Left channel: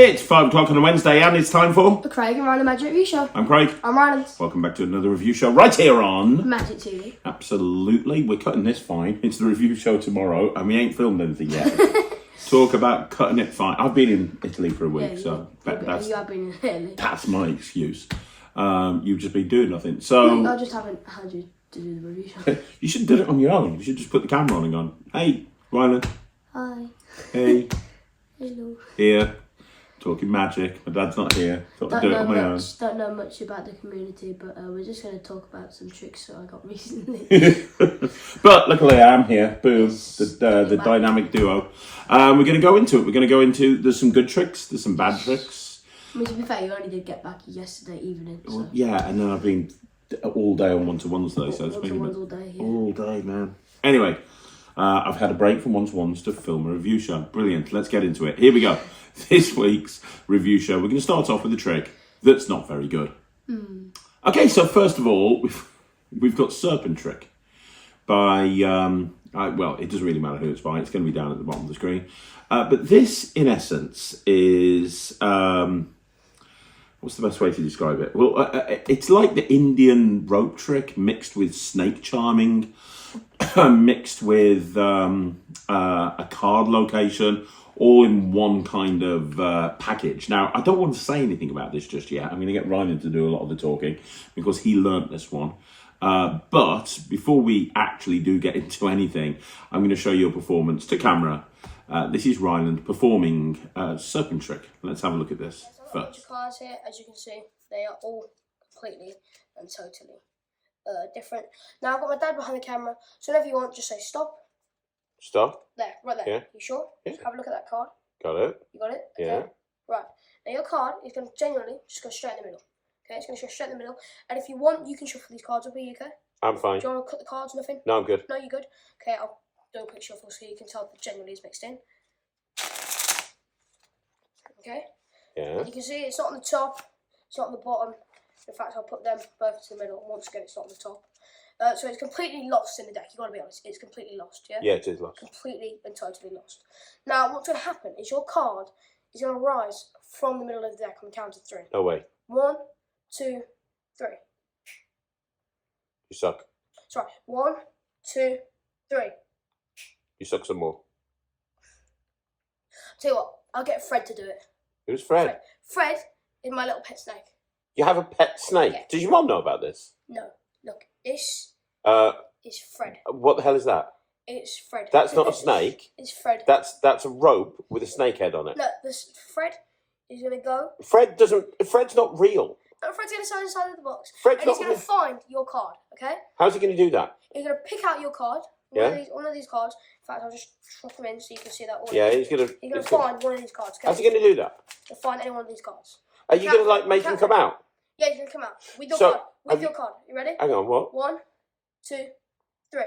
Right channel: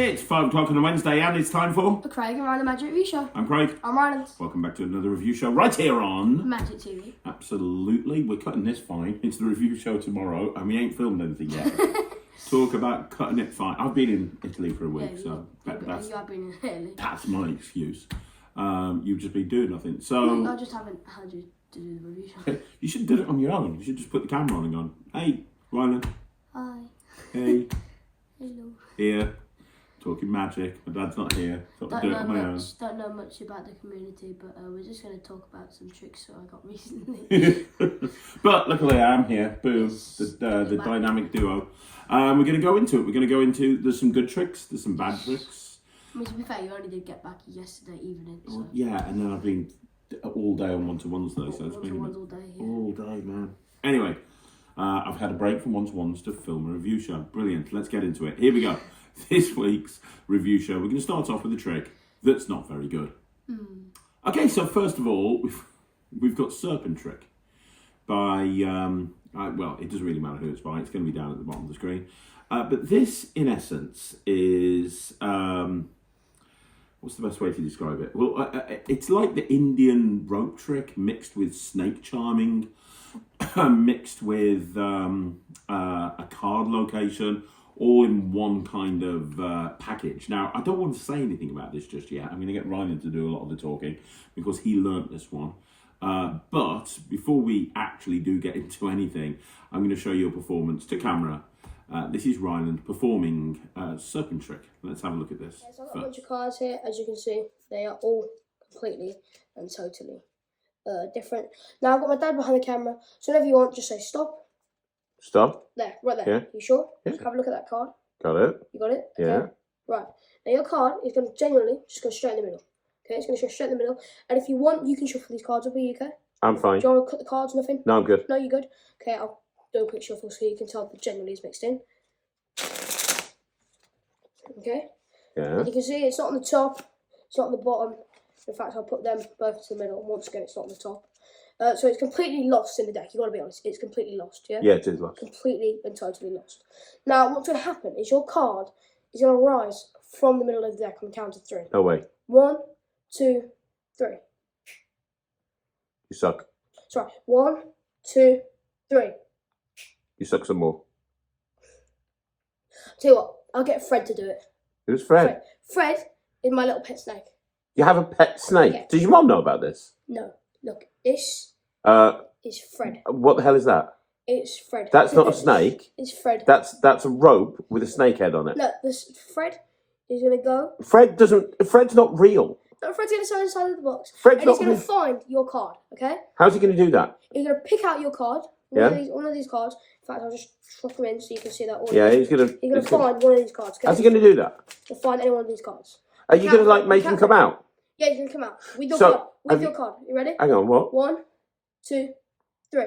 It's 5 o'clock on a Wednesday and it's time for The Craig and Ryland Magic Review Show. I'm Craig. I'm Rylands. Welcome back to another review show right here on Magic TV. Absolutely. We're cutting this fine. It's the review show tomorrow and we ain't filmed anything yet. Talk about cutting it fine. I've been in Italy for a week, Yeah, so you have been in Italy. That's my excuse. You've just been doing nothing. So I just haven't had you to do the review show. You should do it on your own. You should just put the camera on and go, hey, Ryland. Hi. Hey. Hello. Here. Talking magic. My dad's not here. Thought I'd do it on my own. Don't know much about the community, but we're just going to talk about some tricks that I got recently. But luckily I am here. Boom. The dynamic duo. We're going to go into it. We're going to go into, there's some good tricks. There's some bad tricks. I mean, to be fair, you only did get back yesterday evening. So. Well, yeah, and then I've been all day on one-to-ones though. So it's been all day, yeah. All day, man. Anyway, I've had a break from one-to-ones to film a review show. Brilliant. Let's get into it. Here we go. This week's review show, we're going to start off with a trick that's not very good. Okay, so first of all, we've got SerpenTrick by, well, it doesn't really matter who it's by. It's going to be down at the bottom of the screen. But this, in essence, is, what's the best way to describe it? Well, it's like the Indian rope trick mixed with snake charming, mixed with a card location, all in one kind of package. Now, I don't want to say anything about this just yet. I'm going to get Ryland to do a lot of the talking because he learnt this one. But before we actually do get into anything, I'm going to show you a performance to camera. This is Ryland performing SerpenTrick. Let's have a look at this. There's a bunch of cards here. As you can see, they are all completely and totally different. Now, I've got my dad behind the camera, so whenever you want, just say stop. Stop. There, right there. Yeah. You sure? Yeah. Just have a look at that card. Got it. You got it? Okay. Yeah. Right. Now your card is going to genuinely just go straight in the middle. Okay, it's going to go straight in the middle. And if you want, you can shuffle these cards up. Are you okay? I'm fine. Do you want to cut the cards or nothing? No, I'm good. No, you're good? Okay, I'll do a quick shuffle so you can tell that genuinely is mixed in. Okay? Yeah. And you can see it's not on the top, it's not on the bottom. In fact, I'll put them both into the middle. Once again, it's not on the top. So it's completely lost in the deck. You've got to be honest. It's completely lost, yeah? Yeah, it is lost. Completely and totally lost. Now, what's going to happen is your card is going to rise from the middle of the deck on the count of 3. No way. 1, 2, 3. You suck. Sorry. 1, 2, 3. You suck some more. Tell you what, I'll get Fred to do it. Who's Fred? Fred is my little pet snake. You have a pet snake? Yeah. Did your mum know about this? No. Look, this is Fred. What the hell is that? It's Fred. That's not a snake. It's Fred. That's a rope with a snake head on it. No, this Fred is gonna go. Fred's not real. No, Fred's gonna stand inside of the box. Fred's and he's not gonna real. find your card. Okay. How's he gonna do that? He's gonna pick out your card. One Yeah. of these cards. In fact, I'll just drop them in so you can see that. All Yeah, he's gonna find one of these cards. Okay? How's he gonna do that? He'll find any one of these cards. Are you gonna like make him come out? Yeah, he's gonna come out with your So, card. With your card. You ready? Hang on, what? 1, 2, 3.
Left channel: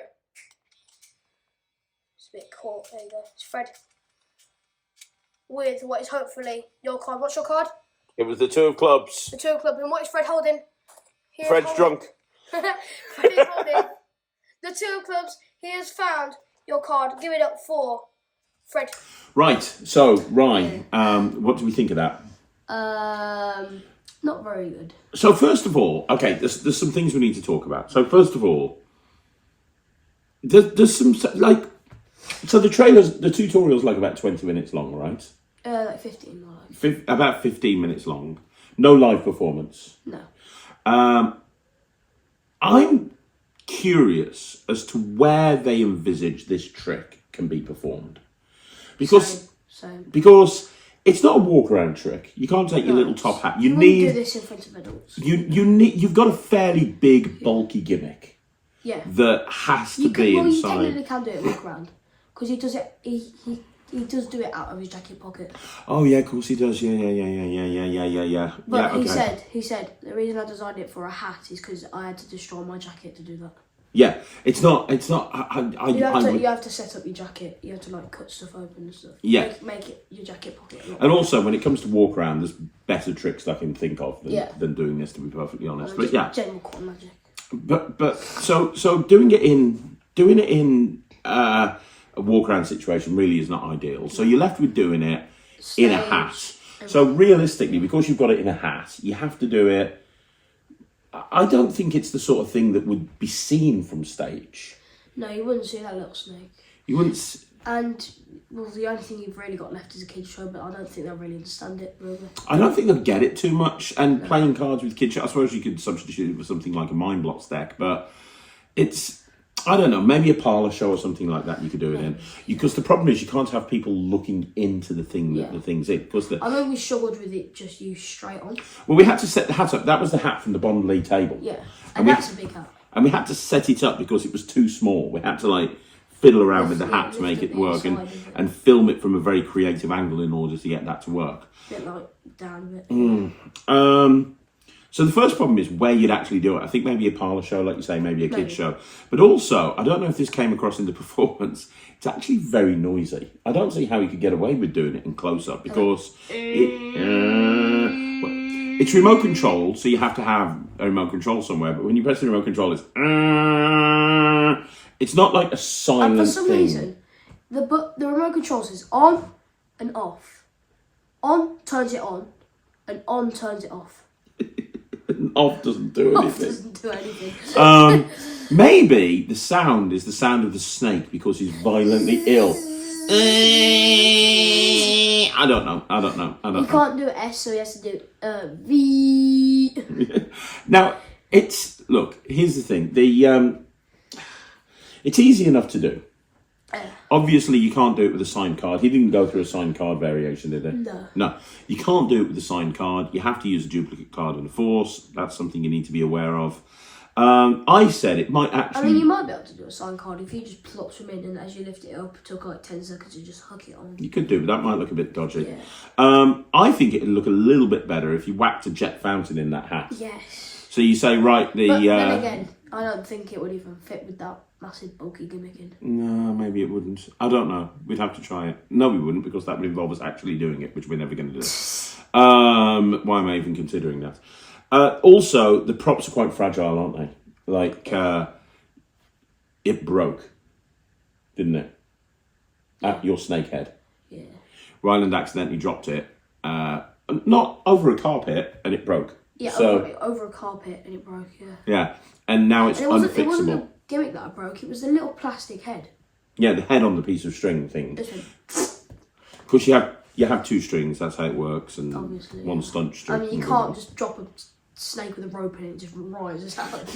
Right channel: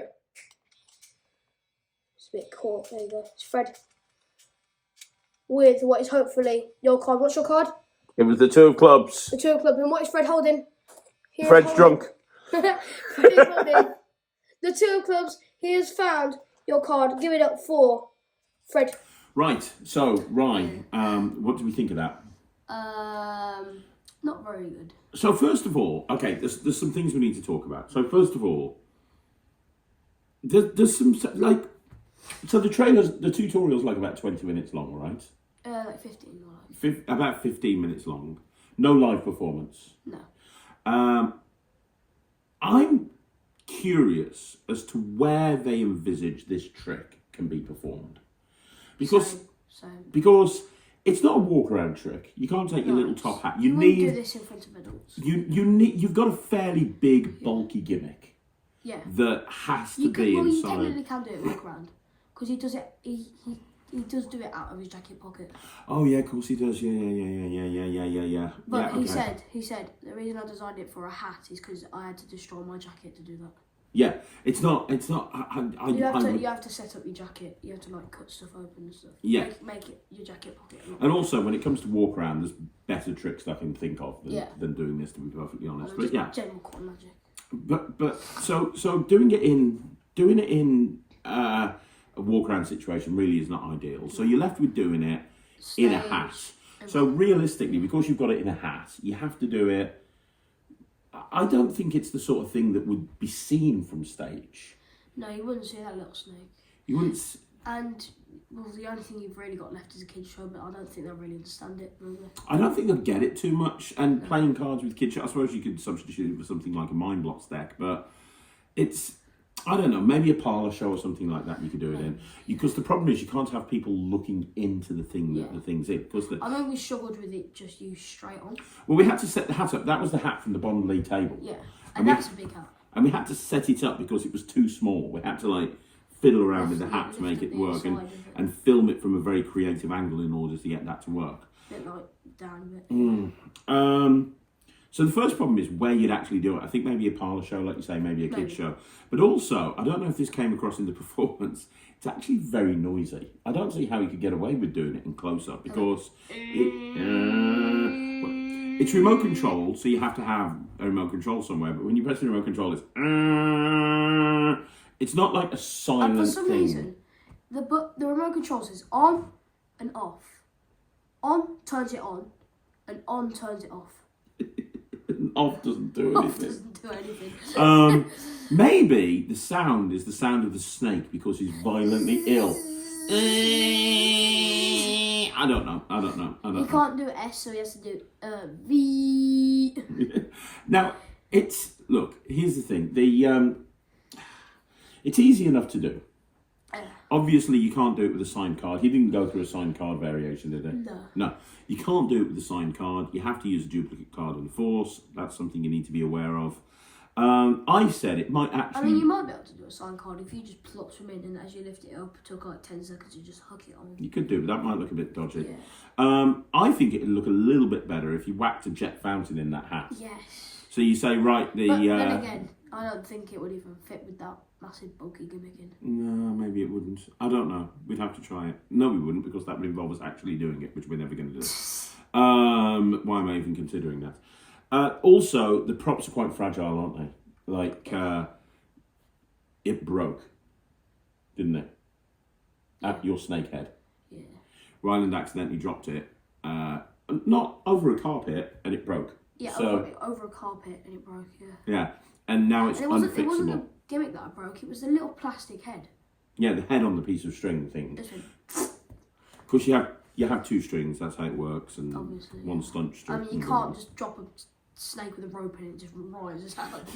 It's a bit cool. There you go. It's Fred. With what is hopefully your card. What's your card? It was the 2 of clubs. The 2 of clubs. And what is Fred holding? Fred's drunk. Fred is holding the 2 of clubs. He has found your card. Give it up for Fred. Right. So, Ryan, what do we think of that? Not very good. So first of all, okay, there's some things we need to talk about. So first of all, there's some like, so the tutorial's like about 20 minutes long, right? Like 15 more like. About 15 minutes long. No live performance. No. I'm curious as to where they envisage this trick can be performed. Because it's not a walk around trick. You can't take your little top hat. You need do this in front of adults. You've got a fairly big, bulky gimmick. Yeah. That has to be You inside. technically can do it walk around because he does it. He does do it out of his jacket pocket. Oh yeah, of course he does. Yeah. But yeah, he said the reason I designed it for a hat is because I had to destroy my jacket to do that. Yeah, it's not. You have to set up your jacket. You have to like cut stuff open and stuff. Yeah. Make it your jacket pocket. And also, when it comes to walk around, there's better tricks I can think of than doing this. To be perfectly honest, but yeah, general quantum magic. But so doing it in a walk around situation really is not ideal. So you're left with doing it in a hat. So realistically, because you've got it in a hat, you have to do it. I don't think it's the sort of thing that would be seen from stage. No, you wouldn't see that little snake. You wouldn't. And, well, the only thing you've really got left is a kid's show, but I don't think they'll really understand it, really. I don't think they'll get it too much. And playing cards with kids show, I suppose you could substitute it for something like a Mind Blocks deck, but it's, I don't know, maybe a parlour show or something like that you could do it in. Because the problem is you can't have people looking into the thing that the thing's in. Because I know we struggled with it just used straight on. Well, we had to set the hat up. That was the hat from the Bond League table. Yeah, and that's a big hat. And we had to set it up because it was too small. We had to, like, fiddle around with the hat to make it work and film it from a very creative angle in order to get that to work. A bit like down a bit. So the first problem is where you'd actually do it. I think maybe a parlour show, like you say, maybe a kids show. But also, I don't know if this came across in the performance, it's actually very noisy. I don't see how you could get away with doing it in close-up because it's remote controlled, so you have to have a remote control somewhere. But when you press the remote control, it's not like a silent thing. And for some reason, the remote control says on and off. On turns it on, and on turns it off. Off doesn't do anything. Off doesn't do anything. Maybe the sound is the sound of the snake because he's violently ill. I don't know. He can't do S, so he has to do V. Now, look, here's the thing. It's easy enough to do. Obviously, you can't do it with a signed card. He didn't go through a signed card variation, did he? No. You can't do it with a signed card. You have to use a duplicate card and a force. That's something you need to be aware of. I said it might actually... I mean, you might be able to do a signed card if you just plop them in and as you lift it up, it took like 10 seconds to just hook it on. You could do, but that might look a bit dodgy. Yeah. I think it would look a little bit better if you whacked a jet fountain in that hat. Yes. So you say, right, the... But then again, I don't think it would even fit with that massive bulky gimmick in. No, maybe it wouldn't. I don't know. We'd have to try it. No, we wouldn't, because that would involve us actually doing it, which we're never going to do. Why am I even considering that? Also, the props are quite fragile, aren't they? Like, it broke, didn't it? At your snake head. Yeah. Ryland accidentally dropped it, not over a carpet, and it broke. Yeah, so, over a carpet, and it broke, yeah. Yeah, and now it's unfixable. It wasn't the gimmick that I broke, it was the little plastic head. Yeah, the head on the piece of string thing. Because you have two strings, that's how it works, and obviously, one stunt string. I mean, you can't just drop a snake with a rope in it and just rises out.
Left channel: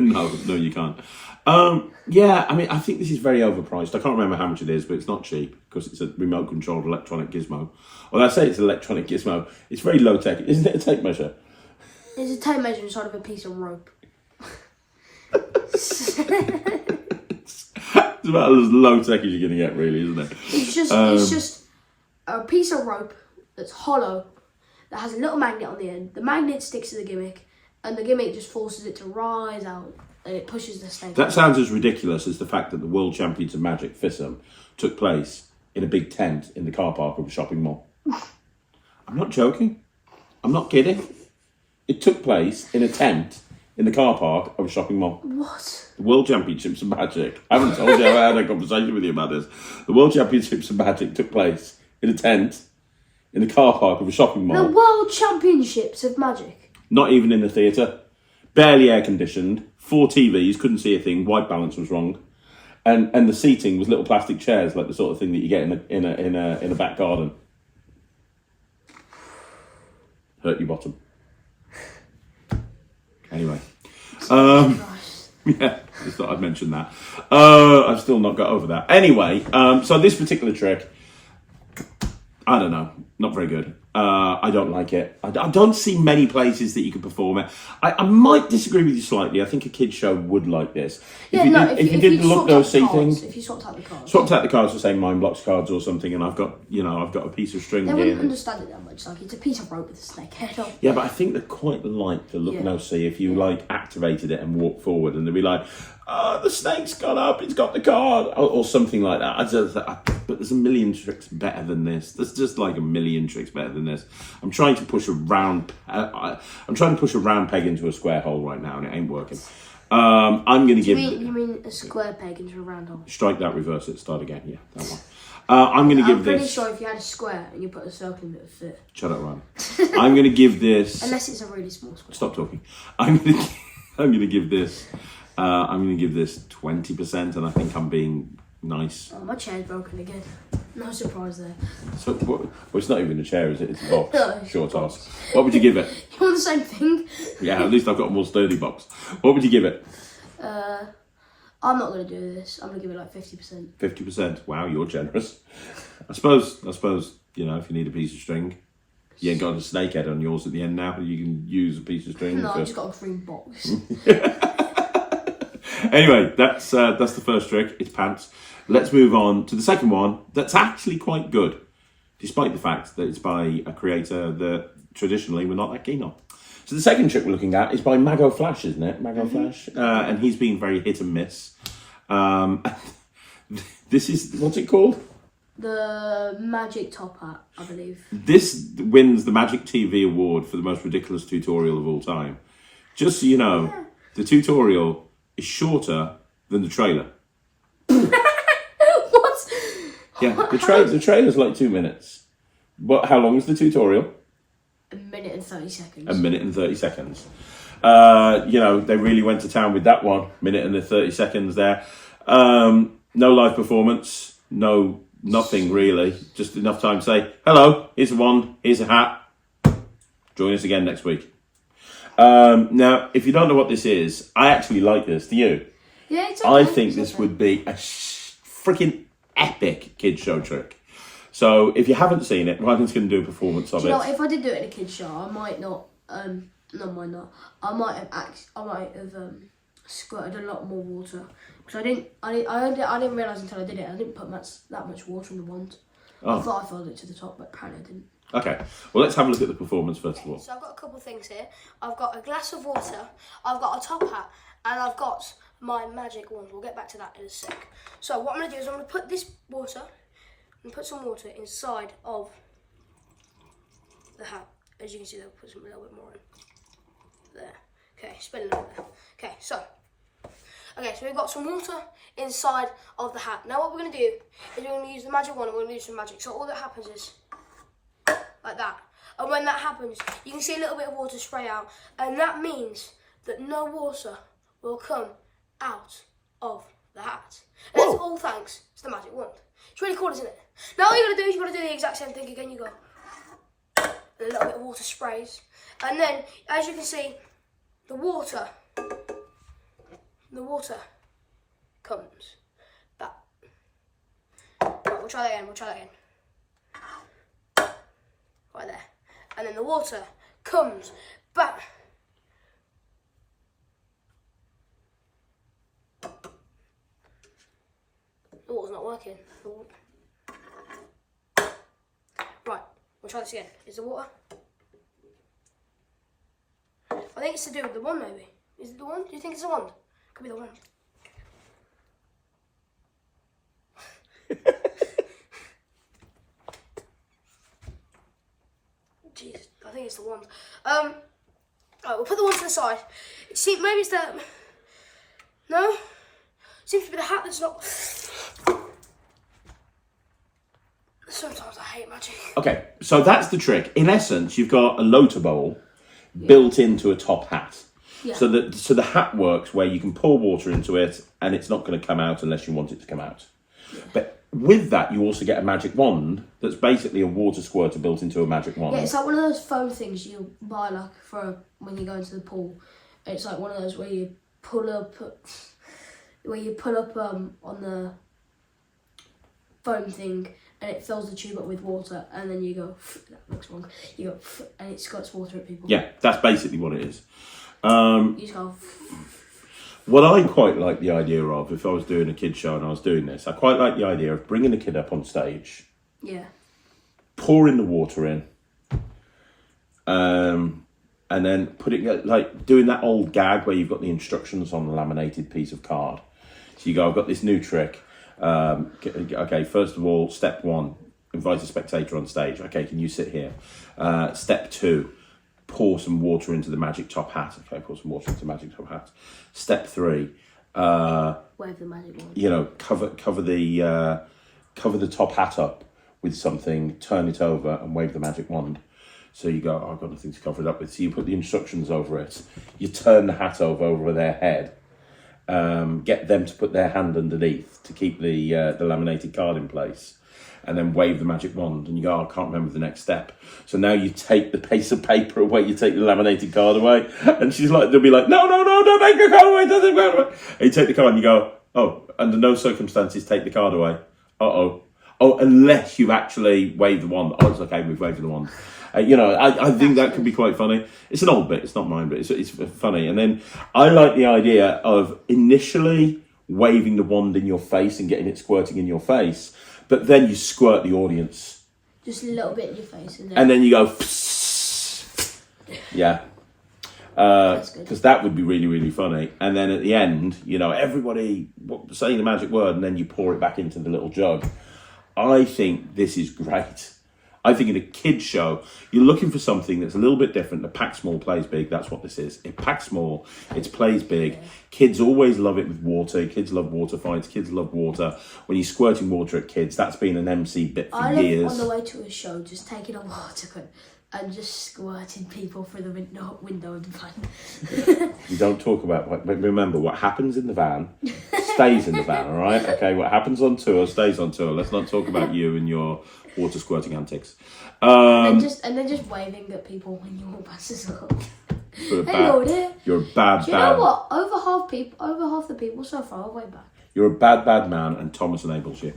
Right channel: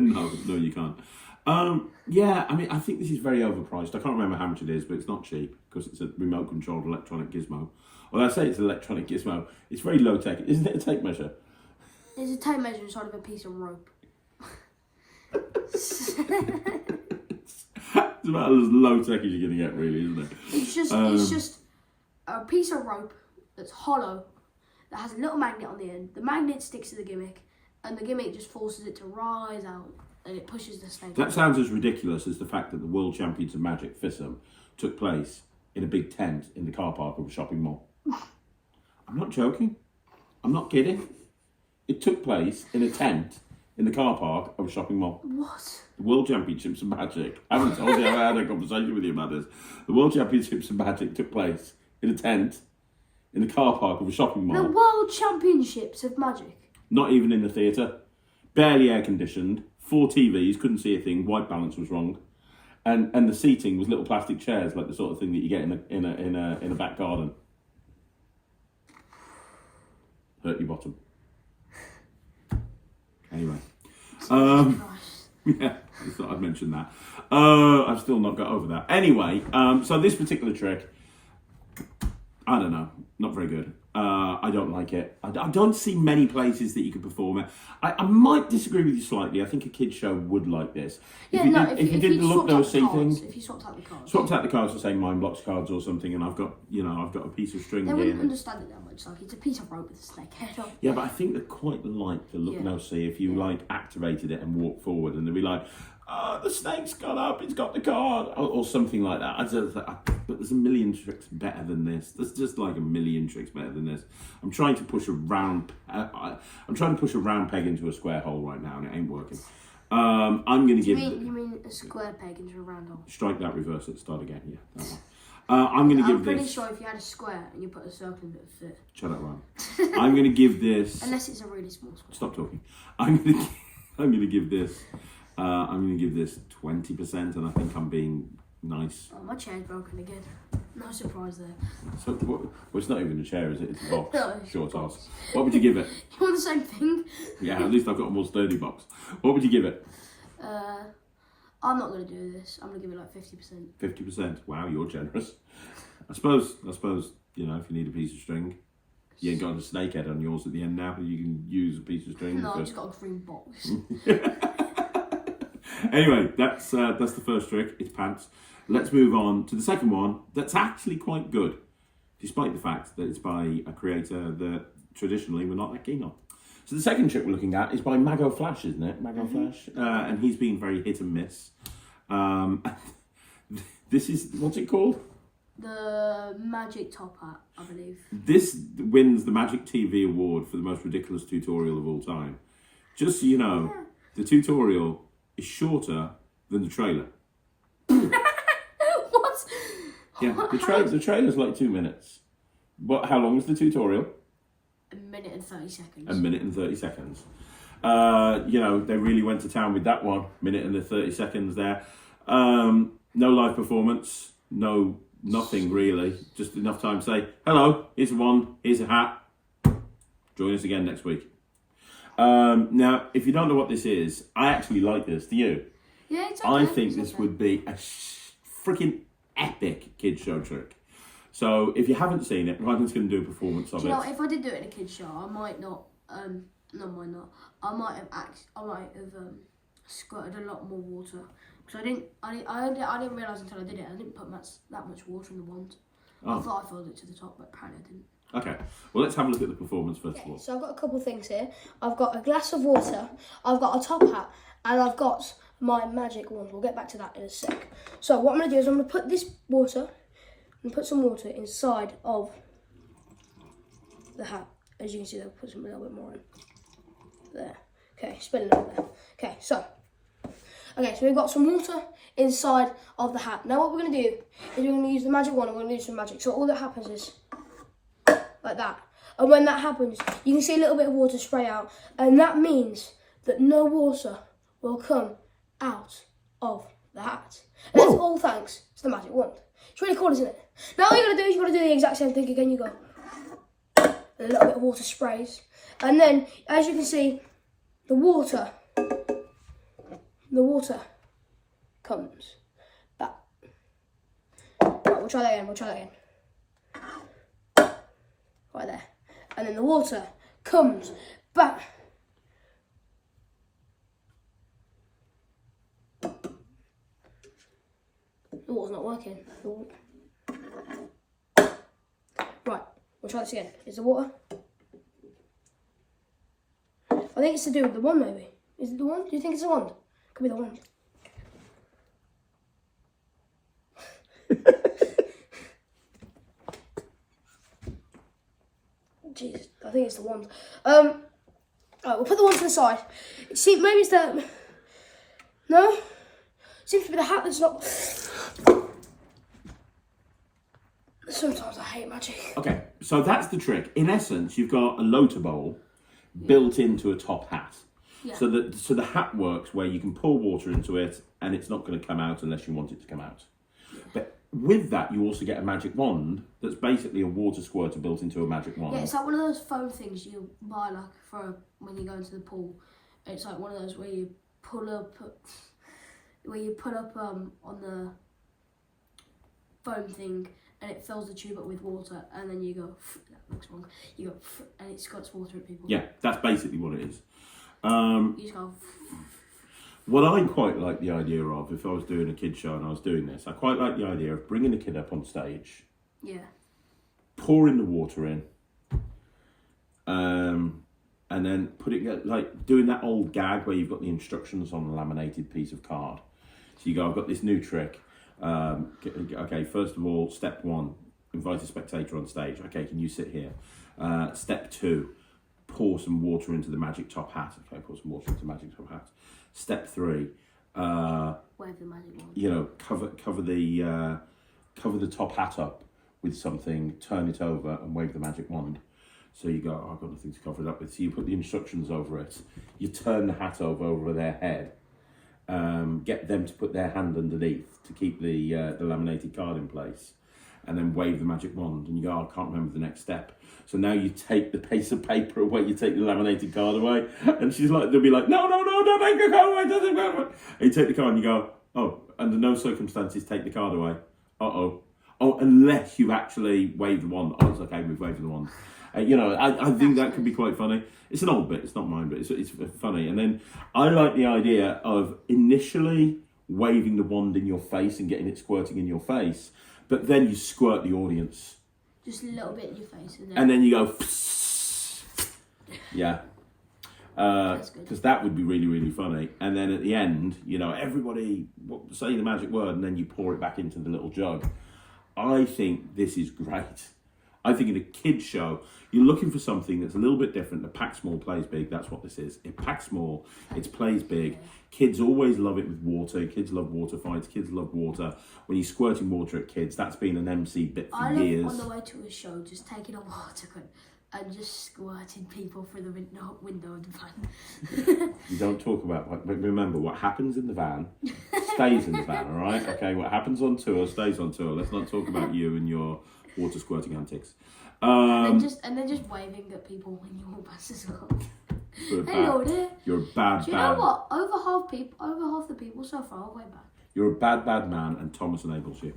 No, you can't. Yeah, I mean, I think this is very overpriced. I can't remember how much it is, but it's not cheap because it's a remote-controlled electronic gizmo. Well, I say it's an electronic gizmo. It's very low-tech. Isn't it a tape measure? It's a tape measure inside of a piece of rope. It's about as low-tech as you're going to get, really, isn't it? It's just a piece of rope that's hollow, that has a little magnet on the end. The magnet sticks to the gimmick, and the gimmick just forces it to rise out, and it pushes the snake. That sounds as ridiculous as the fact that the World Champions of Magic FISM took place in a big tent in the car park of a shopping mall. I'm not joking. I'm not kidding. It took place in a tent in the car park of a shopping mall. What? The World Championships of Magic. I haven't told you, I had a conversation with you about this. The World Championships of Magic took place in a tent in the car park of a shopping mall. The World Championships of Magic? Not even in the theatre. Barely air conditioned. 4 TVs, couldn't see a thing. White balance was wrong. And the seating was little plastic chairs, like the sort of thing that you get in a back garden. Hurt your bottom. Anyway. Yeah, just thought I'd mention that. I've still not got over that. Anyway, so this particular trick, I don't know, not very good. I don't like it. I don't see many places that you could perform it. I might disagree with you slightly. I think a kid's show would like this. If you did the look no see thing, if you swapped out the cards, for say Mind Blocks cards or something, and I've got a piece of string they here. They wouldn't understand it that much. Like, it's a piece of rope with a snake head on. Yeah, but I think they quite like the look no see if you like activated it and walked forward, and they'd be like, "Oh, the snake's got up. It's got the card," or something like that. But there's a million tricks better than this. There's just like a million tricks better than this. I'm trying to push a round peg into a square hole right now, and it ain't working. I'm going to give. You mean a square peg into a round hole? Strike that, reverse it, start again. Yeah, that I'm going to give I'm pretty this... sure if you had a square and you put a circle in it, it would fit. Shut up, Ryan. I'm going to give this... Unless it's a really small square. Stop talking. I'm going to give this... I'm going to give this 20%, and I think I'm being nice. Oh, my chair's broken again. No surprise there. So, well, it's not even a chair, is it? It's a box. No, it's Short a box. ass. What would you give it? You want the same thing? Yeah, at least I've got a more sturdy box. What would you give it? I'm not going to do this. I'm going to give it like 50%. 50%. Wow, you're generous. I suppose, you know, if you need a piece of string, you ain't got a snake head on yours at the end now, but you can use a piece of string. No, I've just got a green box. Anyway, that's the first trick. It's pants. Let's move on to the second one. That's actually quite good, despite the fact that it's by a creator that traditionally we're not that keen on. So the second trick we're looking at is by Mago Flash, isn't it? Mago Flash, and he's been very hit and miss. This is, what's it called? The Magic Top Hat, I believe. This wins the Magic TV Award for the most ridiculous tutorial of all time. Just so you know, the tutorial is shorter than the trailer. What? Yeah, the trailer's like 2 minutes. But how long is the tutorial? A minute and 30 seconds. A minute and 30 seconds. You know, they really went to town with that one. Minute and the 30 seconds there. No live performance. Nothing really. Just enough time to say, hello, here's a wand, here's a hat. Join us again next week. Now, if you don't know what this is, I actually like this. Do you? Yeah, it's okay. I think this would be a freaking epic kids show trick. So if you haven't seen it, Ryland's going to do a performance of it. You know, if I did do it in a kids show, I might not. I might have squirted a lot more water because I didn't realise until I did it. I didn't put that much water in the wand. I thought I filled it to the top, but apparently I didn't. Okay, well, let's have a look at the performance first of all. So I've got a couple of things here. I've got a glass of water, I've got a top hat, and I've got my magic wand. We'll get back to that in a sec. So what I'm going to do is I'm going to put this water, and put some water inside of the hat. As you can see, I'll put some a little bit more in. There. Okay, spill a little bit. Okay, so we've got some water inside of the hat. Now what we're going to do is we're going to use the magic wand and we're going to do some magic. So all that happens is like that. And when that happens, you can see a little bit of water spray out. And that means that no water will come out of the hat. And that's all thanks to the magic wand. It's really cool, isn't it? Now all you're going to do is you're going to do the exact same thing again. You go, and a little bit of water sprays. And then, as you can see, the water comes back. Right, we'll try that again. Right there. And then the water comes back. The water's not working. Right, we'll try this again. Is the water? I think it's to do with the wand, maybe. Is it the wand? Do you think it's the wand? Could be the wand. Jesus, I think it's the wand. Alright, we'll put the wand to the side. See, maybe it's the... No? Seems to be the hat that's not... Sometimes I hate magic. Okay, so that's the trick. In essence, you've got a loader bowl built into a top hat. Yeah. So the hat works where you can pour water into it and it's not going to come out unless you want it to come out. Yeah. But with that, you also get a magic wand that's basically a water squirter built into a magic wand. Yeah, it's like one of those foam things you buy like for when you go into the pool. It's like one of those where you pull up on the foam thing and it fills the tube up with water and then you go, that looks wrong, you go, and it squirts water at people. Yeah, that's basically what it is. You just go... What I quite like the idea of, if I was doing a kid show and I was doing this, I quite like the idea of bringing the kid up on stage. Yeah. Pouring the water in. And then putting, like, doing that old gag where you've got the instructions on a laminated piece of card. So you go, I've got this new trick. Okay, first of all, step 1, invite a spectator on stage. Okay, can you sit here? Step 2, pour some water into the magic top hat. Okay, pour some water into the magic top hat. Step 3, wave the magic wand. you know, cover the cover the top hat up with something, turn it over and wave the magic wand. So you go, oh, I've got nothing to cover it up with. So you put the instructions over it. You turn the hat over their head. Get them to put their hand underneath to keep the laminated card in place. And then wave the magic wand. And you go, oh, I can't remember the next step. So now you take the piece of paper away. You take the laminated card away. And they'll be like, no, don't take the card away. Don't take the card away. And you take the card and you go, oh, under no circumstances take the card away. Oh, unless you actually wave the wand. Oh, it's okay, we've waved the wand. I think that could be quite funny. It's an old bit, it's not mine, but it's funny. And then I like the idea of initially waving the wand in your face and getting it squirting in your face, but then you squirt the audience. Just a little bit in your face. And then you go, yeah. Because that would be really, really funny. And then at the end, everybody saying the magic word, and then you pour it back into the little jug. I think this is great. I think in a kid's show, you're looking for something that's a little bit different. The pack small, plays big. That's what this is. It packs small. It plays big. Yeah. Kids always love it with water. Kids love water fights. Kids love water. When you're squirting water at kids, that's been an MC bit for years. I love on the way to a show, just taking a water gun and just squirting people through the window of the van. You don't talk about... Remember, what happens in the van stays in the van, all right? Okay, what happens on tour stays on tour. Let's not talk about you and your water squirting antics. And then just waving at people when you walk past as well. Hello there. You're a bad. Do you know what? Over half the people so far are way back. You're a bad man, and Thomas enables you.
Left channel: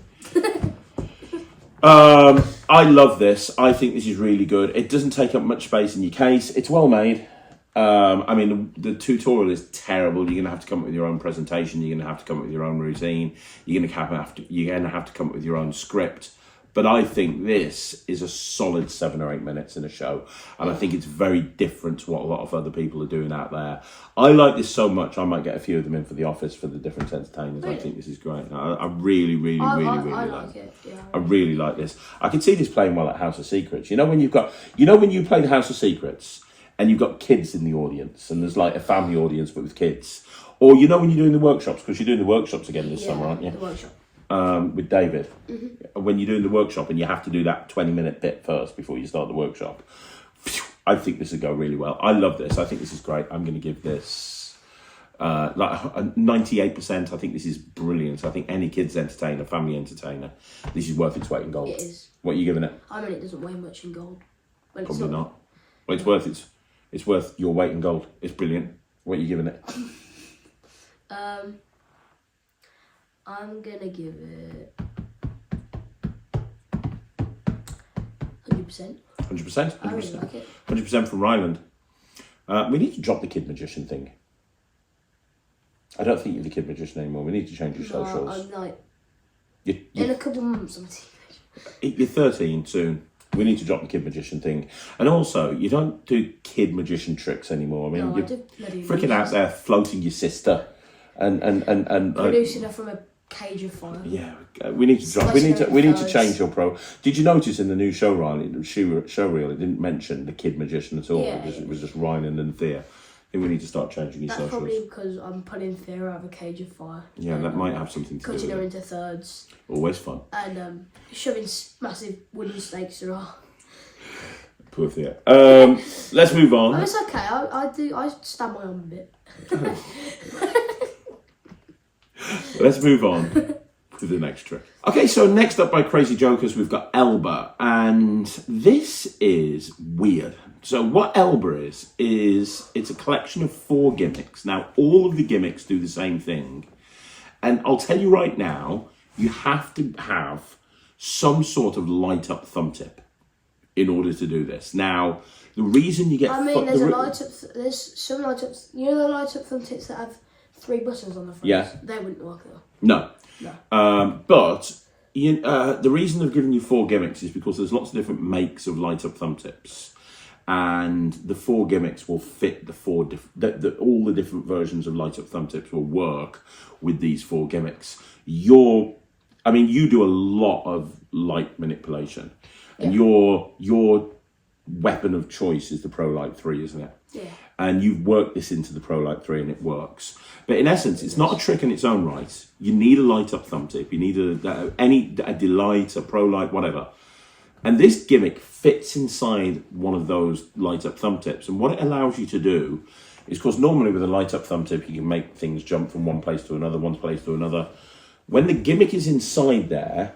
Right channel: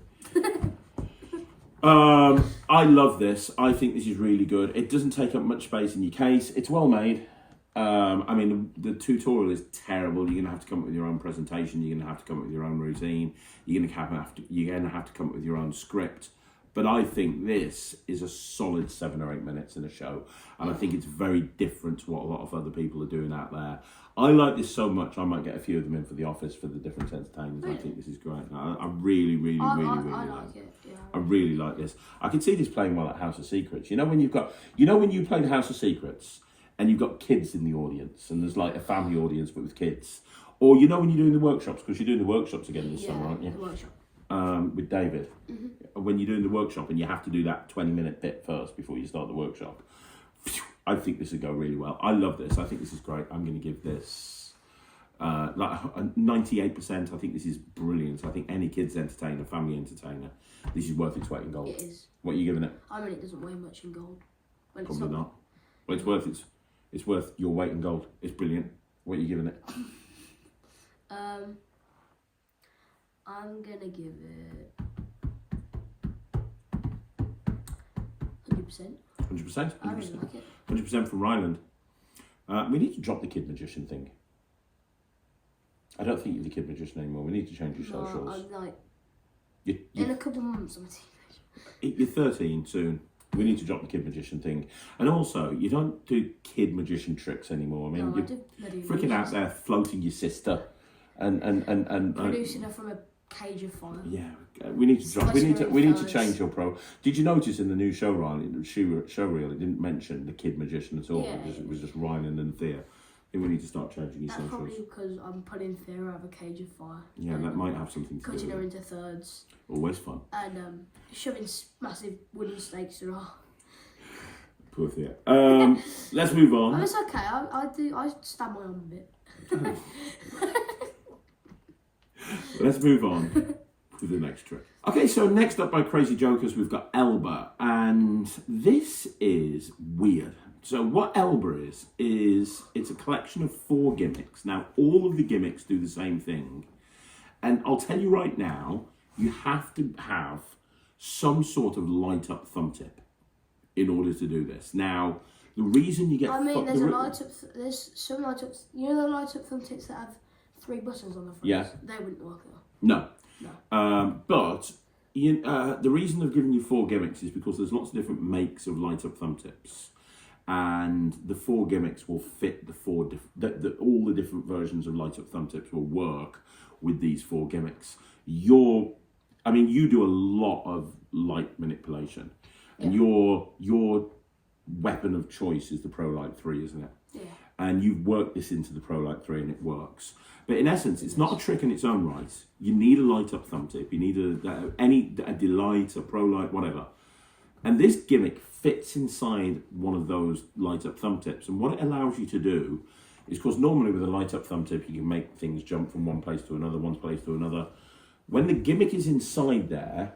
I love this. I think this is really good. It doesn't take up much space in your case. It's well made. The tutorial is terrible. You're gonna have to come up with your own presentation. You're gonna have to come up with your own routine. You're gonna have to come up with your own script. But I think this is a solid 7 or 8 minutes in a show. And I think it's very different to what a lot of other people are doing out there. I like this so much, I might get a few of them in for the office for the different entertainers. Really? I think this is great. I really like it. Yeah. I really like this. I can see this playing well at House of Secrets. When you play the House of Secrets and you've got kids in the audience and there's like a family audience but with kids. Or when you're doing the workshops, because you're doing the workshops again this summer, aren't you? The workshop. With David, when you're doing the workshop and you have to do that 20-minute bit first before you start the workshop, I think this would go really well. I love this. I think this is great. I'm going to give this like 98%. I think this is brilliant. I think any kids entertainer, family entertainer, this is worth its weight in gold. It is. What are you giving it? I mean, it doesn't weigh much in gold. Probably not. Well, it's worth your weight in gold. It's brilliant. What are you giving it? I'm gonna give it 100%. 100%? I really like it. 100% from Ryland. We need to drop the Kid Magician thing. I don't think you're the Kid Magician anymore. We need to change your socials. I'm like... You, in a couple of months, I'm a teenager. You're 13 soon. We need to drop the Kid Magician thing. And also, you don't do Kid Magician tricks anymore. I mean, you're freaking out there floating your sister and producing her from a cage of fire. Yeah, we need to drop. We need to change your pro. Did you notice in the new show reel it didn't mention the Kid Magician at all? Yeah, it was just Ryland and Thea. I think we need to start changing your socials. That's probably because I'm putting Thea out of a cage of fire. Yeah, that might have something to do with it. Cutting her into thirds. Always fun. And shoving massive wooden stakes through her. Poor Thea. Let's move on. Oh, it's okay. I stab my arm a bit. Let's move on to the next trick. Okay, so next up by Crazy Jokers, we've got Alba, and this is weird. So what Alba is it's a collection of 4 gimmicks. Now, all of the gimmicks do the same thing. And I'll tell you right now, you have to have some sort of light-up thumb tip in order to do this. Now, the reason you get... there's some light-ups... You know the light-up thumb tips that have 3 buttons on the front? Yeah. They wouldn't work though. No. But the reason they've given you 4 gimmicks is because there's lots of different makes of light-up thumb tips. And the 4 gimmicks will fit all the different versions of light-up thumb tips will work with these 4 gimmicks. You do a lot of light manipulation. And your weapon of choice is the Pro Light 3, isn't it? Yeah. and you've worked this into the Pro Light 3 and it works. But in essence, it's not a trick in its own right. You need a light up thumb tip. You need a delight, a Pro Light, whatever. And this gimmick fits inside one of those light up thumb tips. And what it allows you to do is, because normally with a light up thumb tip, you can make things jump from one place to another, one place to another. When the gimmick is inside there,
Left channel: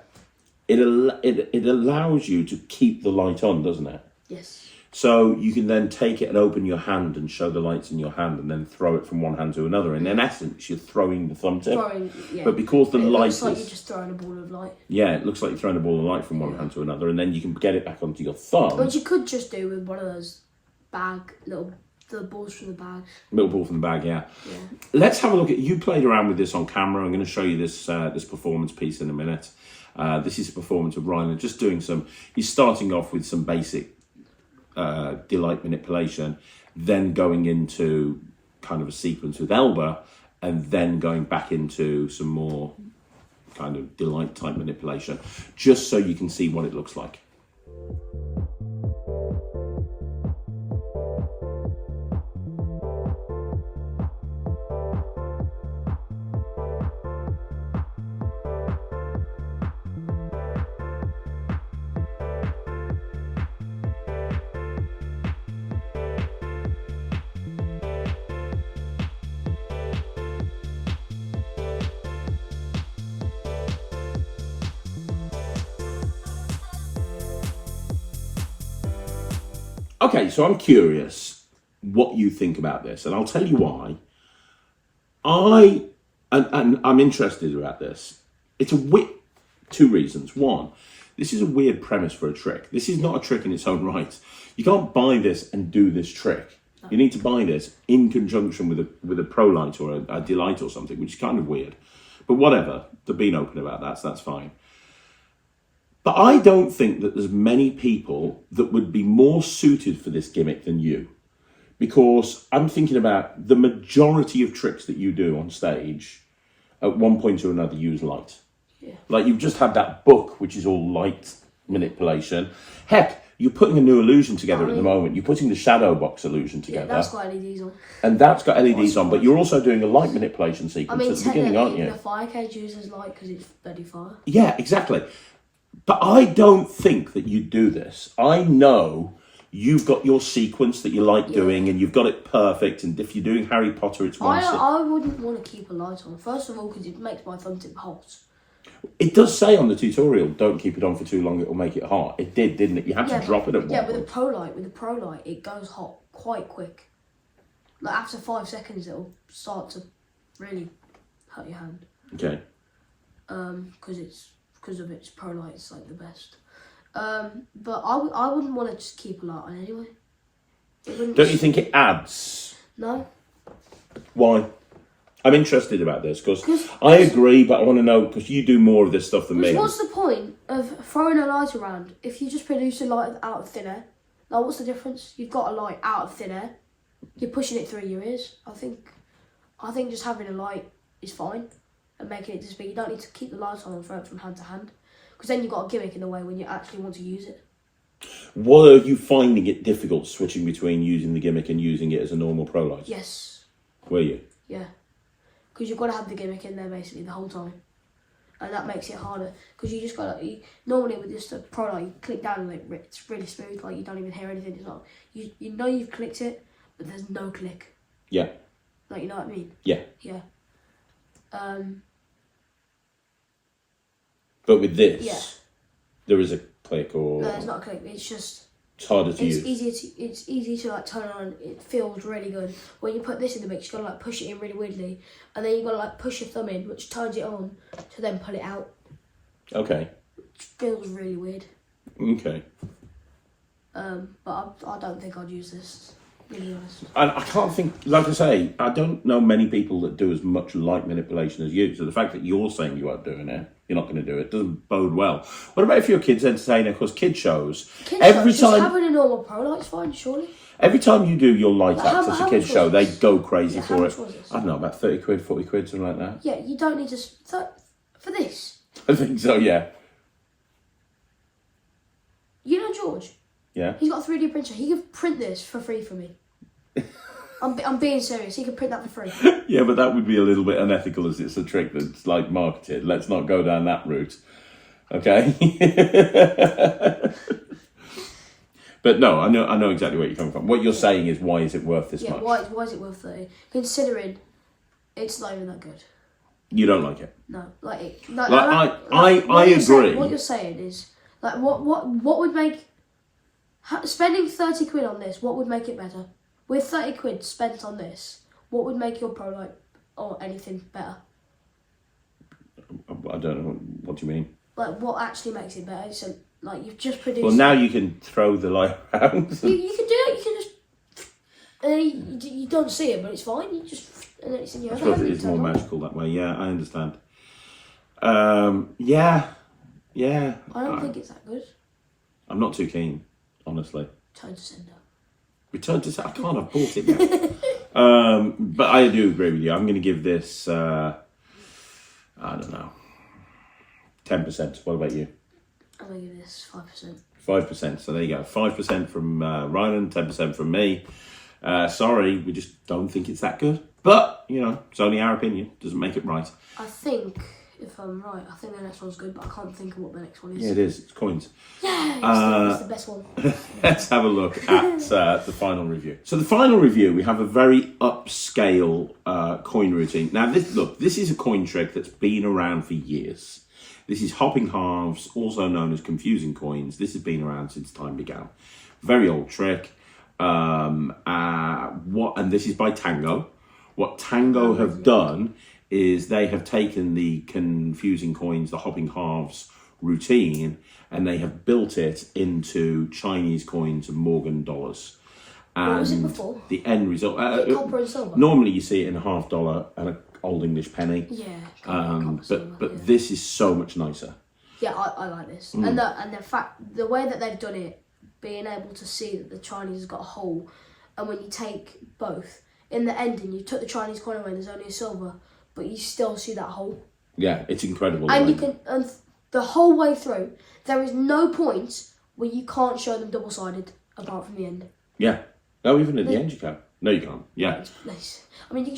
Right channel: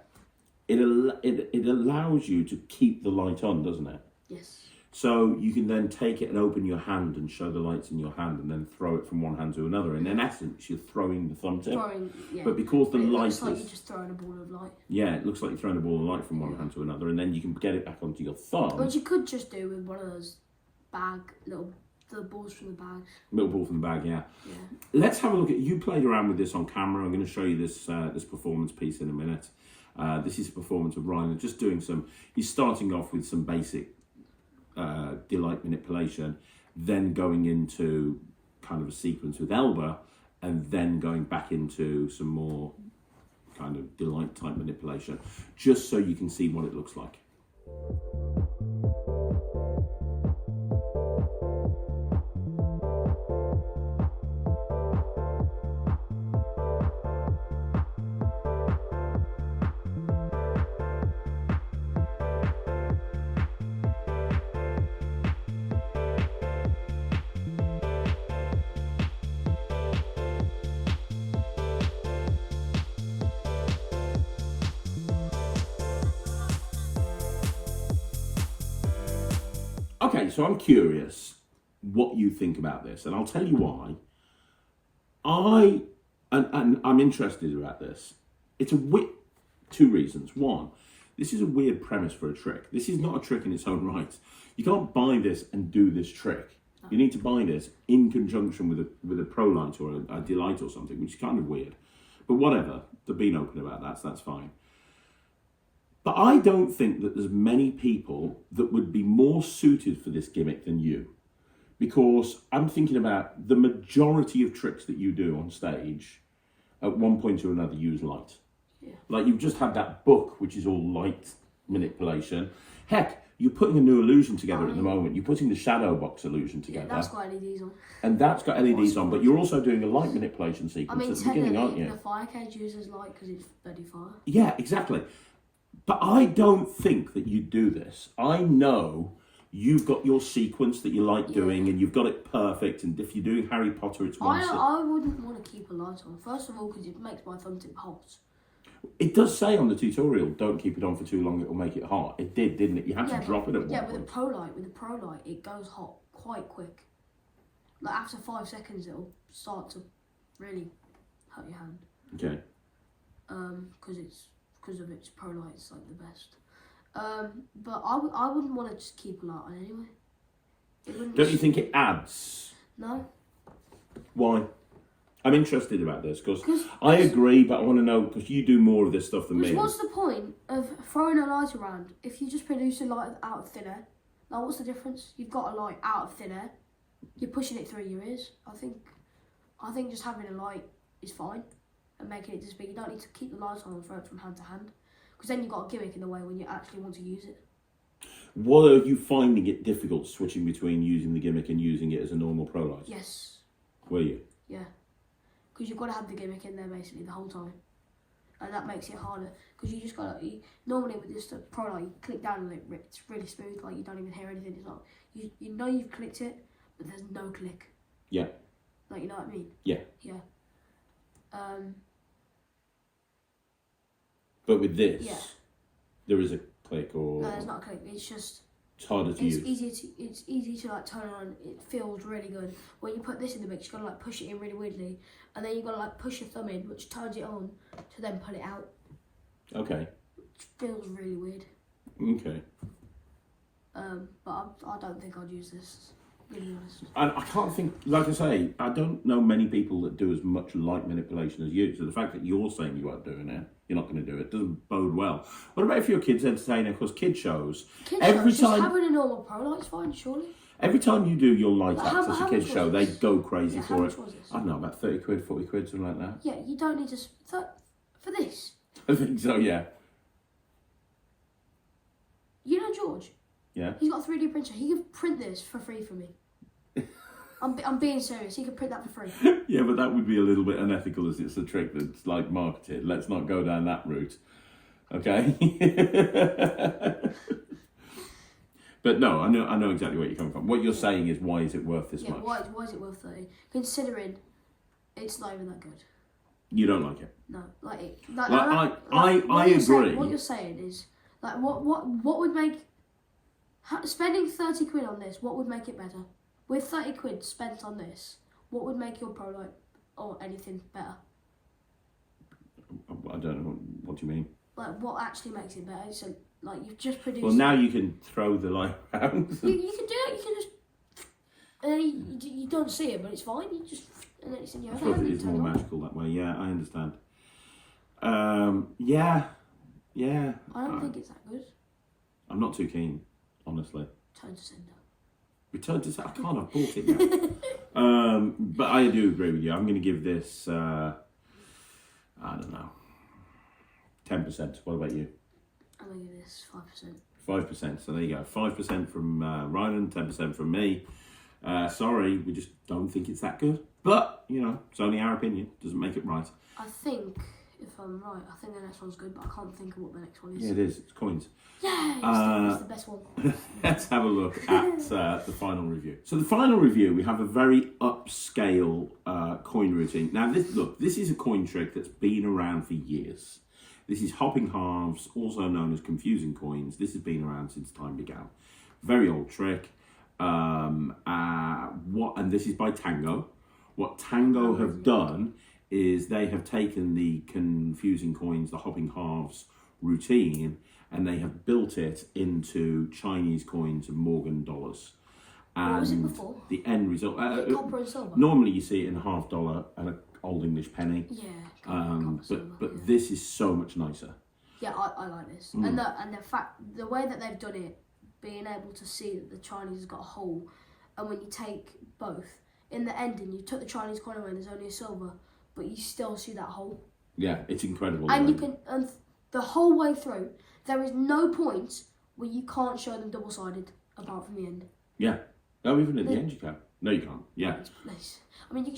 it allows you to keep the light on, doesn't it? Yes. So you can then take it and open your hand and show the lights in your hand and then throw it from one hand to another. And in essence, you're throwing the thumb tip. But because the light looks like you're just throwing a ball of light. Yeah, it looks like you're throwing a ball of light from one hand to another, and then you can get it back onto your thumb. Which you could just do with one of those the balls from the bag. Little ball from the bag, yeah. Let's have a look at, you played around with this on camera. I'm going to show you this this performance piece in a minute. This is a performance of Ryland, just doing he's starting off with some basic delight manipulation, then going into kind of a sequence with Alba, and then going back into some more kind of delight type manipulation, just so you can see what it looks like. Okay, so I'm curious what you think about this, and I'll tell you why. I'm interested about this. It's two reasons. One, this is a weird premise for a trick. This is not a trick in its own right. You can't buy this and do this trick. No. You need to buy this in conjunction with a Pro Light or a Delight or something, which is kind of weird. But whatever, they're being open about that, so that's fine. But I don't think that there's many people that would be more suited for this gimmick than you. Because I'm thinking about the majority of tricks that you do on stage, at one point or another, use light. Yeah. Like you've just had that book, which is all light manipulation. Heck, you're putting a new illusion together at the moment. You're putting the shadow box illusion together. Yeah, that's got LEDs on. And that's got LEDs on, but you're also doing a light manipulation sequence at the beginning, aren't you? The fire cage uses light because it's bloody fire. Yeah, exactly. But I don't think that you do this. I know you've got your sequence that you like doing, and you've got it perfect. And if you're doing Harry Potter, it's one. I wouldn't want to keep a light on. First of all, because it makes my thumb tip hot. It does say on the tutorial, don't keep it on for too long, it will make it hot. It did, didn't it? You had to drop it at one point. Yeah, with the Pro Light, it goes hot quite quick. Like after 5 seconds, it'll start to really hurt your hand. Okay. Because of its Pro Light, it's like the best. But I wouldn't want to just keep a light on anyway. Don't you think it adds? No. Why? I'm interested about this because I agree, but I want to know because you do more of this stuff than me. What's the point of throwing a light around if you just produce a light out of thin air? Like, what's the difference? You've got a light out of thin air. You're pushing it through your ears. I think just having a light is fine and making it just big. You don't need to keep the lights on and throw it from hand to hand because then you've got a gimmick in the way when you actually want to use it. What are you finding it difficult switching between using the gimmick and using it as a normal Pro Light? Yes. Were you? Yeah. Because you've got to have the gimmick in there basically the whole time. And that makes it harder. Because you just got to... Normally with just a Pro Light, you click down and it's really smooth. Like you don't even hear anything. It's not... You know you've clicked it, but there's no click. Yeah. Like, you know what I mean? Yeah. Yeah. But with this, there is a click or... No, there's not a click. It's just... It's harder to use. It's easy to like turn on. It feels really good. When you put this in the mix, you gotta like push it in really weirdly, and then you gotta like push your thumb in, which turns it on, to then pull it out. Okay. Which feels really weird. Okay. But I don't think I'd use this. Really honest. And I can't think, like I say, I don't know many people that do as much light manipulation as you. So the fact that you're saying you aren't doing it, you're not going to do it, doesn't bode well. What about if you're a kids entertainer? Because kid shows, just having a normal Pro Light's fine, surely. Every time you do your light Like, acts as a kids show, they go crazy for it. How much was this? I don't know, about 30 quid, 40 quid, something like that. Yeah, you don't need to for this. I think so, yeah. You know George? Yeah. He's got a 3D printer. He could print this for free for me. I'm being serious. You can print that for free. Yeah, but that would be a little bit unethical as it's a trick that's like marketed. Let's not go down that route. Okay? But no, I know exactly where you're coming from. What you're saying is, why is it worth this much? Why is it worth 30? Considering it's not even that good. You don't like it? No, I agree. What you're saying is, like, what would make spending 30 quid on this? What would make it better? With 30 quid spent on this, what would make your prototype or anything better? I don't know. What do you mean? Like, what actually makes it better? So, like, you've just produced. Well, now you can throw the light around. You can do it. You can just, and then you don't see it, but it's fine. You just, and then it's in your I other suppose hand. it is more magical that way. Yeah, I understand. Yeah. I don't think it's that good. I'm not too keen, honestly. Return to sender. Return to sender. I can't. I've bought it yet. But I do agree with you. I'm going to give this. I don't know. 10%. What about you? I'm going to give this 5%. 5%. So there you go. 5% from Ryland, 10% from me. Sorry, we just don't think it's that good. But, you know, it's only our opinion. Doesn't make it right. I think, if I'm right, I think the next one's good, but I can't think of what the next one is. Yeah, it is. It's coins. Yeah, it's the best one. Let's have a look at the final review. So the final review, we have a very upscale coin routine. Now, this is a coin trick that's been around for years. This is hopping halves, also known as confusing coins. This has been around since time began. Very old trick. And this is by Tango. What Tango have done is they have taken the confusing coins, the hopping halves routine, and they have built it into Chinese coins and Morgan dollars. And what was it before? The end result. Copper and silver? Normally you see it in a $1/2 and a Old English penny. Yeah. But this is so much nicer. Yeah, I like this. And the fact, the way that they've done it, being able to see that the Chinese has got a hole, and when you take both, in the ending you took the Chinese coin away and there's only a silver, but you still see that hole. Yeah, it's incredible. And you can, and the whole way through, there is no point where you can't show them double-sided, apart from the end. Yeah. No, even at the end you can. No, you can't. Yeah. It's nice. I mean, you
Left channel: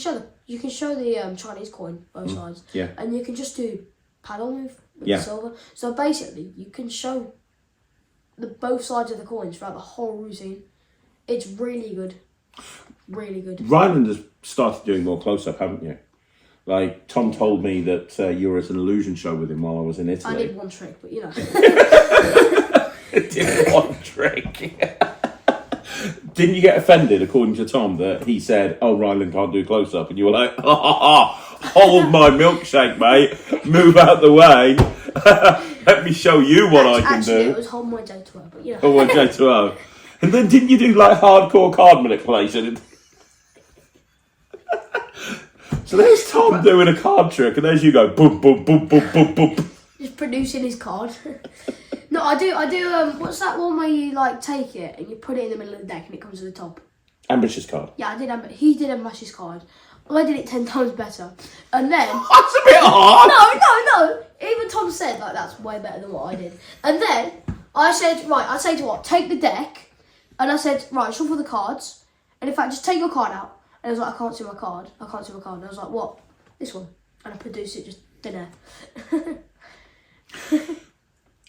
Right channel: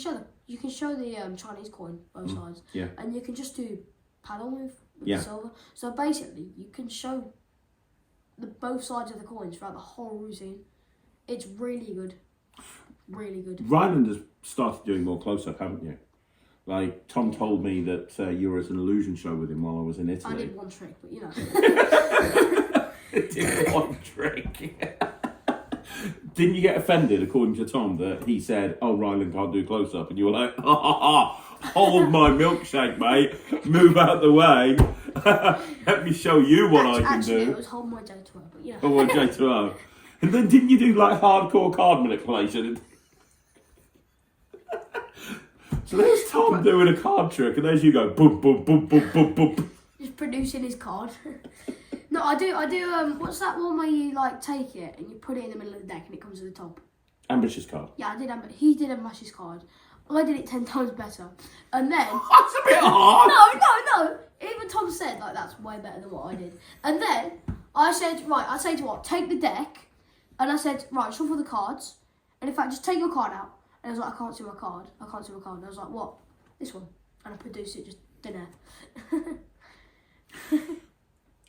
can show the Chinese coin both sides. Yeah. And you can just do paddle move with Yeah. the silver. So basically, you can show the both sides of the coins throughout the whole routine. It's really good. Really good. Ryland has started doing more close-up, haven't you? Like, Tom told me that you were at an illusion show with him while I was in Italy. I did one trick, but you know. Did one trick. Didn't you get offended, according to Tom, that he said, "Oh, Ryland can't do close-up," and you were like, "Hold my milkshake, mate. Move out the way. Let me show you what I can do." It was hold my J2O, but you know. Oh, my J2O. And then didn't you do like hardcore card manipulation? So there's Tom doing a card trick, and there's you go boom, boom, boom, boom, boom, boom. Just producing his card. No, I do. What's that one where you like take it and you put it in the middle of the deck and it comes to the top? Ambitious card. Yeah, I did. He did Ambitious card. I did it 10 times better. And then That's a bit hard. No. Even Tom said like that's way better than what I did. And then I said, right, I say to what? Take the deck. And I said, right, shuffle the cards. And in fact, just take your card out. And I was like, I can't see my card. And I was like, what? This one. And I produced it just dinner.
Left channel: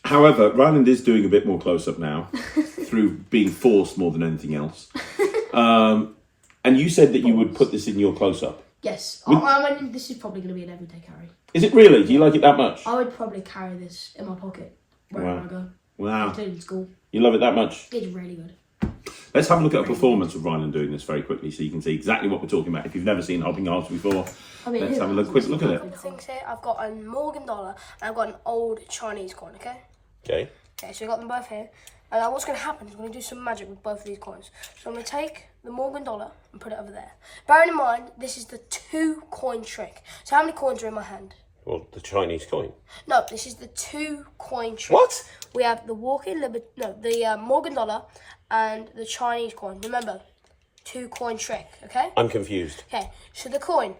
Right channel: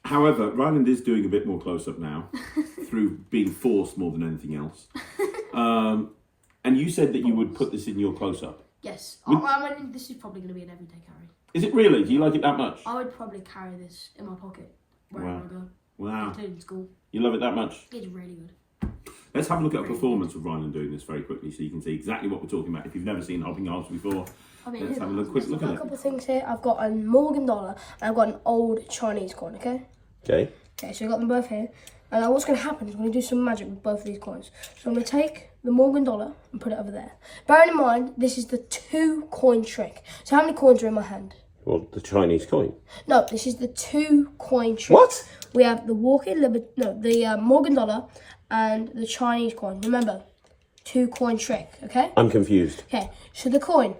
However, Ryland is doing a bit more close-up now through being forced more than anything else. And you said that you would put this in your close-up. Yes. I mean, this is probably going to be an everyday carry. Is it really? Do you like it that much? I would probably carry this in my pocket wherever I go. Wow. Including school. You love it that much? It's really good. Let's have a look at a performance of Ryland doing this very quickly so you can see exactly what we're talking about. If you've never seen hopping halves before, let's have a quick look at A it. couple of things here. I've got a Morgan dollar and I've got an old Chinese coin, okay? Okay. Okay, so I've got them both here. And now what's going to happen is I'm going to do some magic with both of these coins. So I'm going to take the Morgan dollar and put it over there. Bearing in mind, this is the 2 coin trick. So how many coins are in my hand? Well, the Chinese coin. No, this is the 2 coin trick. What? We have the the Morgan dollar and the Chinese coin. Remember, 2 coin trick, okay? I'm confused. Okay, so the coin,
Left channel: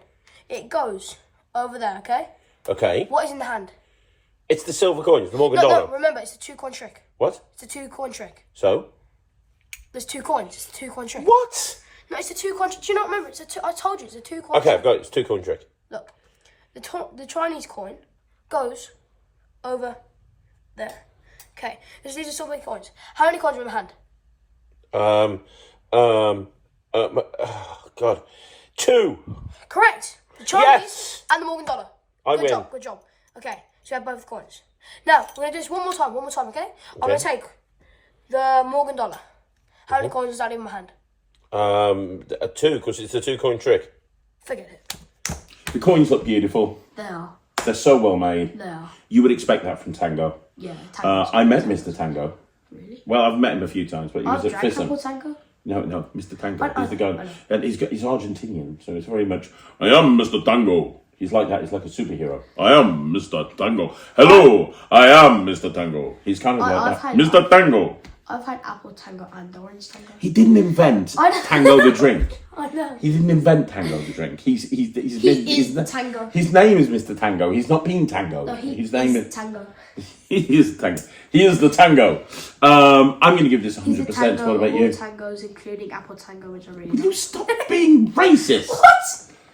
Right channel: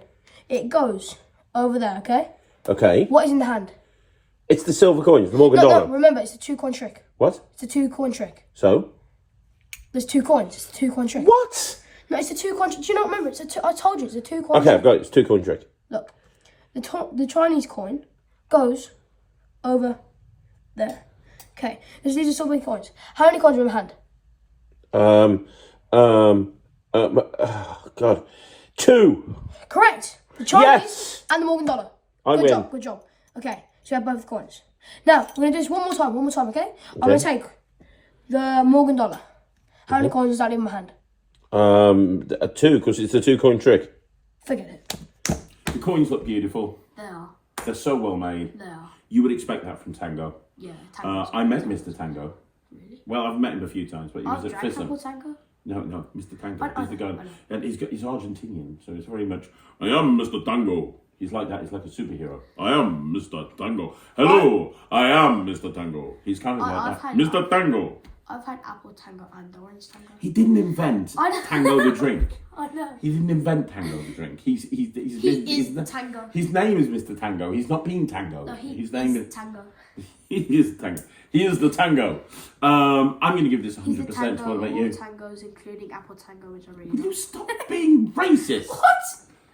it goes over there, okay? Okay. What is in the hand? It's the silver coins, the Morgan dollar. No, remember, it's a 2 coin trick. What? It's a 2 coin trick. So? There's 2 coins, it's a 2 coin trick. What? No, it's a 2 coin trick. Do you not remember? I told you, it's a 2 coin Okay, trick. I've got it. It's 2 coin trick. Look, the Chinese coin goes over there. Okay, these are so many coins. How many coins are in my hand? God. 2. Correct. The Chinese Yes! and the Morgan dollar. Good job, good job. Okay, so we have both coins. Now, we're going to do this one more time, okay? I'm going to take the Morgan dollar. How many coins is that in my hand? 2, because it's a 2 coin trick. Forget it. The coins look beautiful. They are. They're so well made. They are. You would expect that from Tango. Yeah, Tango. I met Mr. Tango. Really? Well, I've met him a few times, but he was at Fissam. Tango? No, Mr. Tango. He's the guy. And he's Argentinian, so it's very much, I am Mr. Tango. He's like that. He's like a superhero. I am Mr. Tango. Hello, I am Mr. Tango. He's kind of like that. Mr. Tango. I've had apple tango and orange tango. He didn't invent Tango the drink. I know. He didn't invent Tango the drink. He is Tango. His name is Mr. Tango. He's not being Tango. No, his name is Tango. He is Tango. He is the Tango. I'm going to give this 100%. What about you? Tangos, including apple tango, which I really Will love. you stop being racist? What?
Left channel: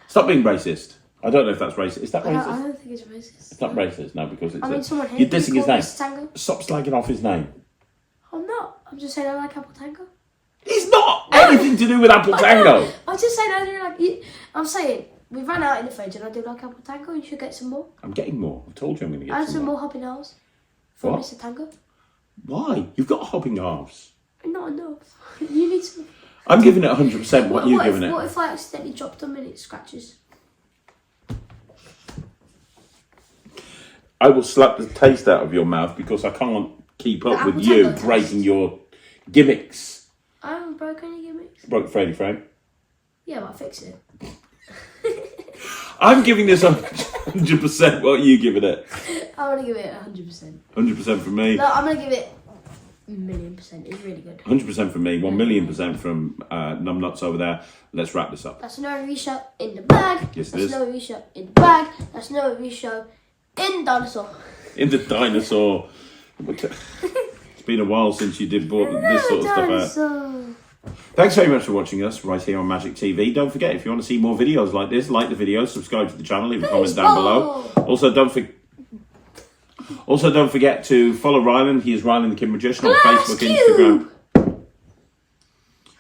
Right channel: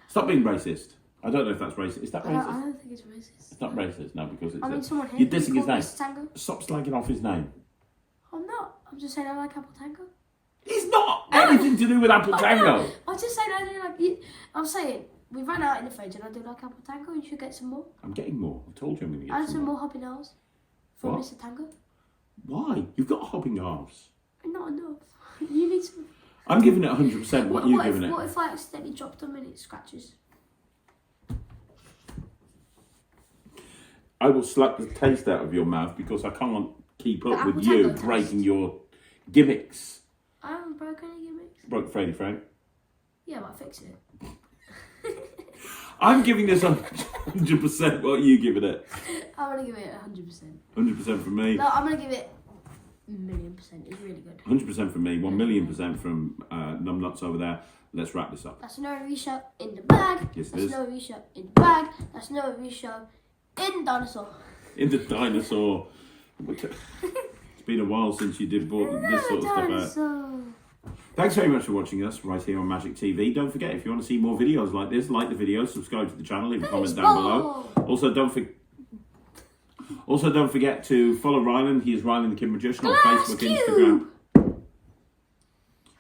Stop being racist. I don't know if that's racist. Is that racist? I don't think it's racist. It's not racist, no, because it's. I mean, someone you're dissing his name. Tango? Stop slagging off his name. I'm not. I'm just saying I like apple tango. He's not anything to do with apple tango. I'm just saying I do like. I'm saying we ran out in the fridge and I do like apple tango. You should get some more. I'm getting more. I've told you I'm going to get And some more hopping halves from What? Mr. Tango. Why? You've got hopping halves. Not enough. You need some. I'm giving it 100%. What are you giving it? What if I accidentally dropped them and it scratches? I will slap the taste out of your mouth because I can't keep up with apple you tango breaking taste. your gimmicks. I haven't broken any gimmicks. Broke Freddy frame. Yeah, but I fix it. I'm giving this 100%. What are you giving it? I'm going to give it 100%. 100% from me. No, I'm going to give it a million%. It's really good. 100% from me. 1,000,000% from Numbnuts over there. Let's wrap this up. That's another reshow in the bag. Yes, it That's is. another reshow in the bag. That's another reshow in dinosaur. In the dinosaur. It's been a while since you did this sort of stuff out. Thanks very much for watching us right here on Magic TV. Don't forget, if you want to see more videos like this, like the video, subscribe to the channel, leave a comment down below. Also, don't forget to follow Ryland. He is Ryland the Kid Magician on Facebook, Instagram.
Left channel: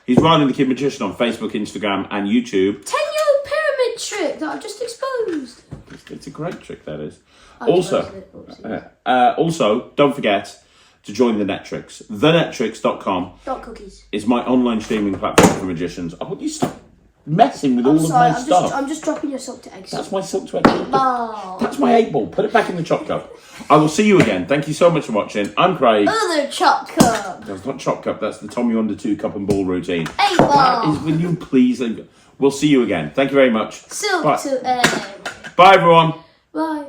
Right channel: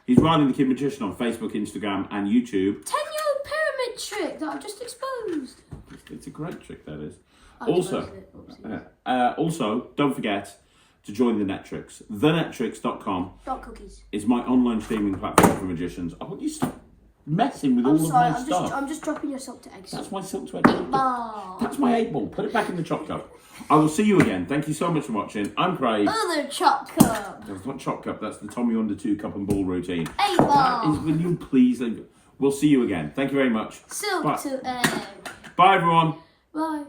He's Ryland the Kid Magician on Facebook, Instagram, and YouTube. 10-year-old pyramid trick that I've just exposed. It's a great trick, that is. Also, don't forget to join the Netrix. TheNetrix.com cookies. is my online streaming platform for magicians. I want you to stop messing with all of my stuff. I'm just dropping your silk to eggs. That's my silk to egg. 8-ball. That's my 8-ball. Put it back in the chop cup. I will see you again. Thank you so much for watching. I'm Craig. Other chop cup. That's not chop cup. That's the Tommy Under 2 cup and ball routine. 8-ball. That is, will you please? We'll see you again. Thank you very much. Silk Bye. to egg. Bye, everyone. Bye.